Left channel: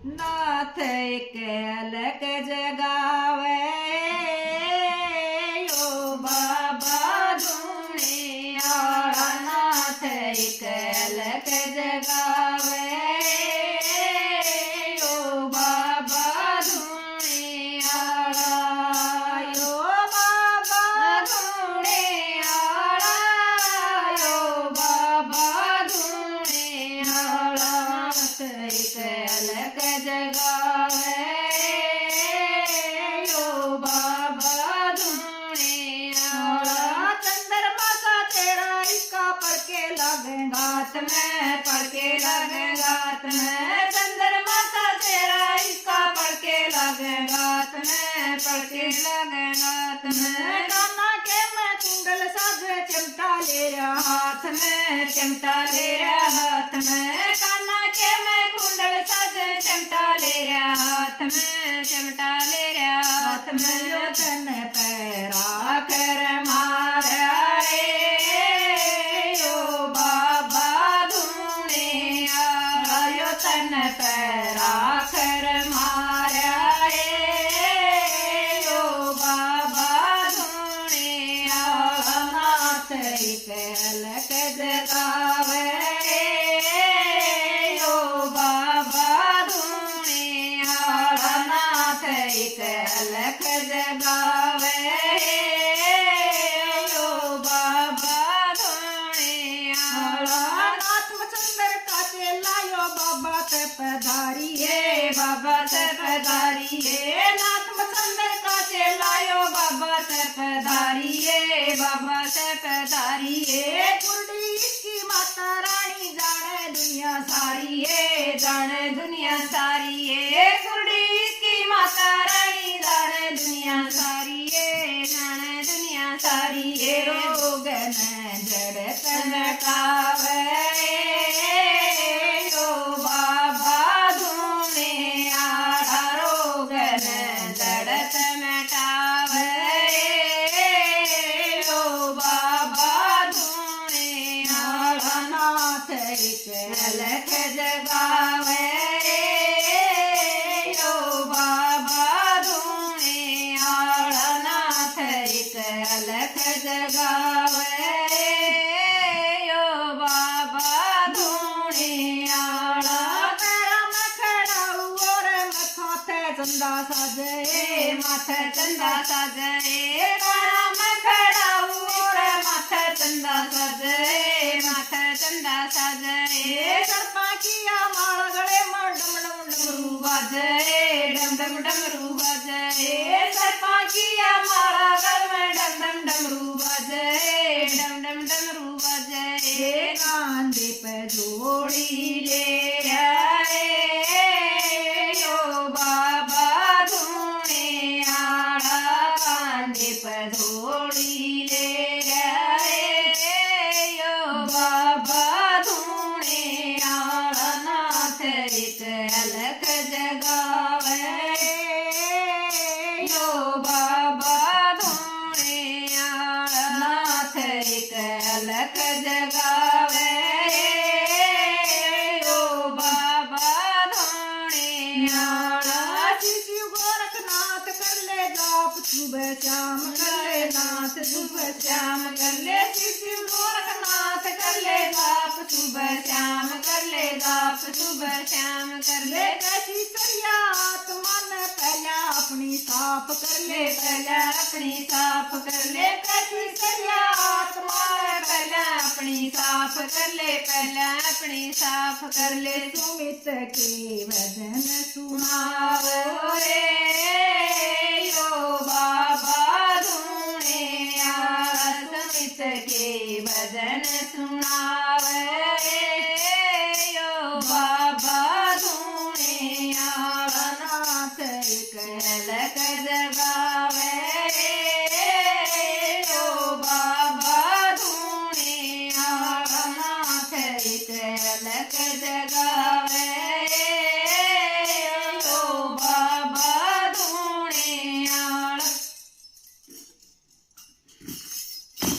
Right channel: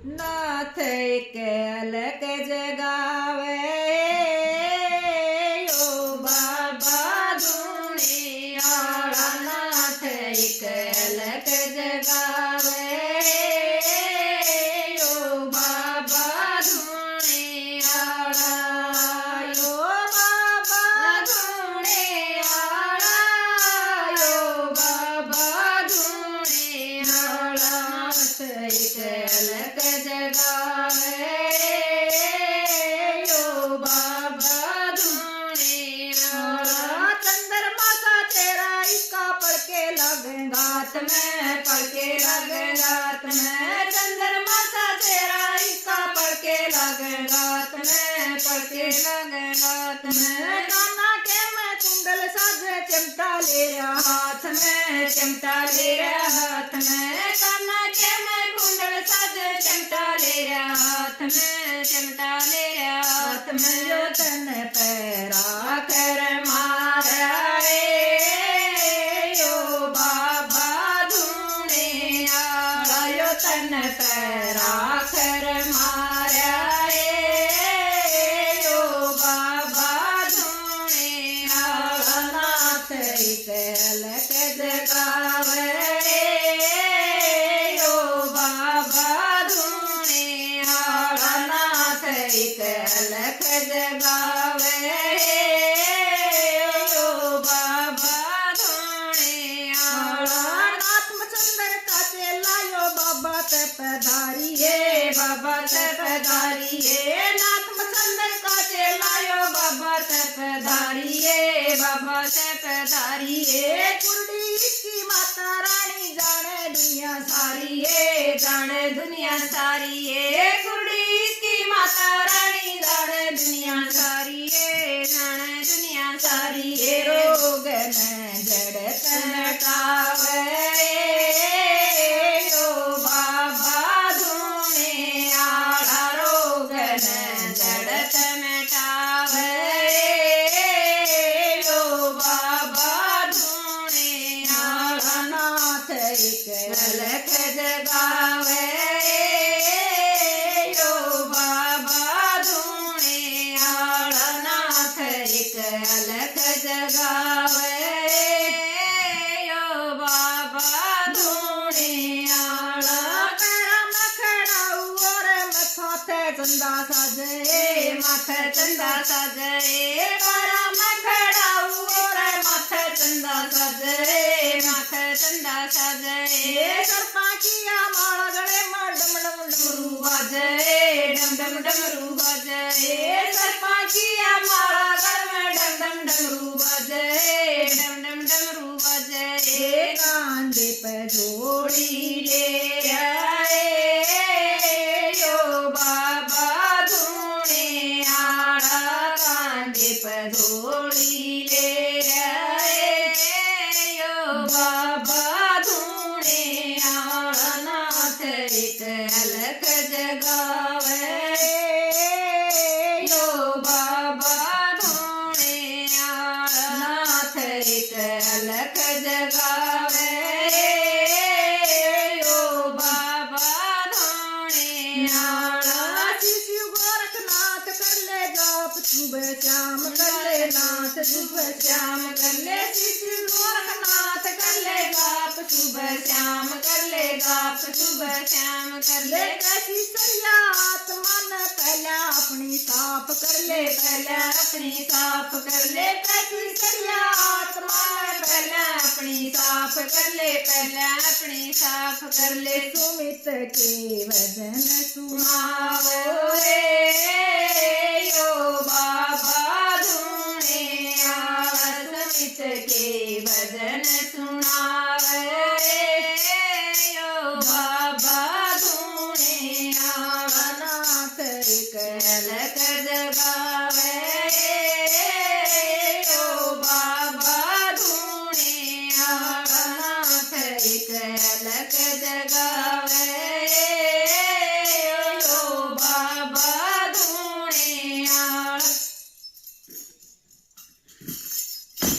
नाथ एक अलग जगावे ओ बाबा धूणियाला नाथ एक अलग जगावे ओ बाबा धूणियाला ओ बाबा धूणियाला ओ बाबा धूणियाला नाथ एक अलग जगावे ओ बाबा धूणियाला चंद्रमा सा तेरा इसका पढ़ के लगेगा हाथ में पढ़ के लगेगा हाथ में चंद्रमा सा तेरा इसका पढ़ के लगेगा हाथ में पढ़ के लगेगा हाथ में काना के मैं कुंडल साज चिमटा ले रहा हाथ में चिमटा ले रहा हाथ में काना के मैं कुंडल साज चिमटा ले रहा हाथ में चिमटा ले रहा हाथ में जो तन पैरा कर मारा रे ओ बाबा धूणियाला यो तन पैरा कर मारा रे ओ बाबा धूणियाला नाथ एक अलग जगावे ओ बाबा धूणियाला नाथ एक अलग जगावे ओ बाबा धूणियाला नाथ मचंदर का चेला यो बाबा ते पधारिए बाबा ते पधारिए नाथ मचंदर का चेला यो बाबा ते पधारिए बाबा ते पधारिए कुर्डी इसकी माता रानी जाने दुनिया सारी है जाने दुनिया सारी है कुर्डी इसकी माता रानी जाने दुनिया सारी है जाने दुनिया सारी है रोग न जड़ तनकावे ओ बाबा धूणियाला रोग न जड़ तनकावे ओ बाबा धूणियाला नाथ एक अलग जगावे ओ बाबा धूणियाला नाथ एक अलग जगावे ओ बाबा धूणियाला पैरा में खड़ाऊ और माथे चंदा साजे माथे चंदा साजे पैरा में खड़ाऊ और माथे चंदा साजे माथे चंदा साजे सर्पा किया माला गले में डम डम डमरू बाजे डम डम डमरू बाजे सर्पा किया माला गले में डम डम डमरू बाजे डम डम डमरू बाजे कांधे पे जोड़ी ले आए ओ बाबा धूणियाला कांधे पे जोड़ी ले आए ओ बाबा धूणियाला नाथ एक अलग जगावे ओ बाबा धूणियाला नाथ एक अलग जगावे ओ बाबा धूणियाला शिशु गोरखनाथ कर ले जाप सुबह शाम कर ले नाथ सुबह शाम कर ले शिशु गोरखनाथ कर ले जाप सुबह शाम कर ले जाप सुबह शाम कर ले कैसी सरिया आत्मा ने पहला अपनी साफ कर ले पहला अपनी साफ कर ले कैसी सरिया आत्मा ने पहला अपनी साफ कर ले पहला अपनी साफ कर ले सुमित के वजन सुनाओ रे ओ बाबा धूणियाला सुमित के वजन सुनावे ओ बाबा धूणियाला नाथ एक अलग जगावे ओ बाबा धूणियाला नाथ एक अलग जगावे।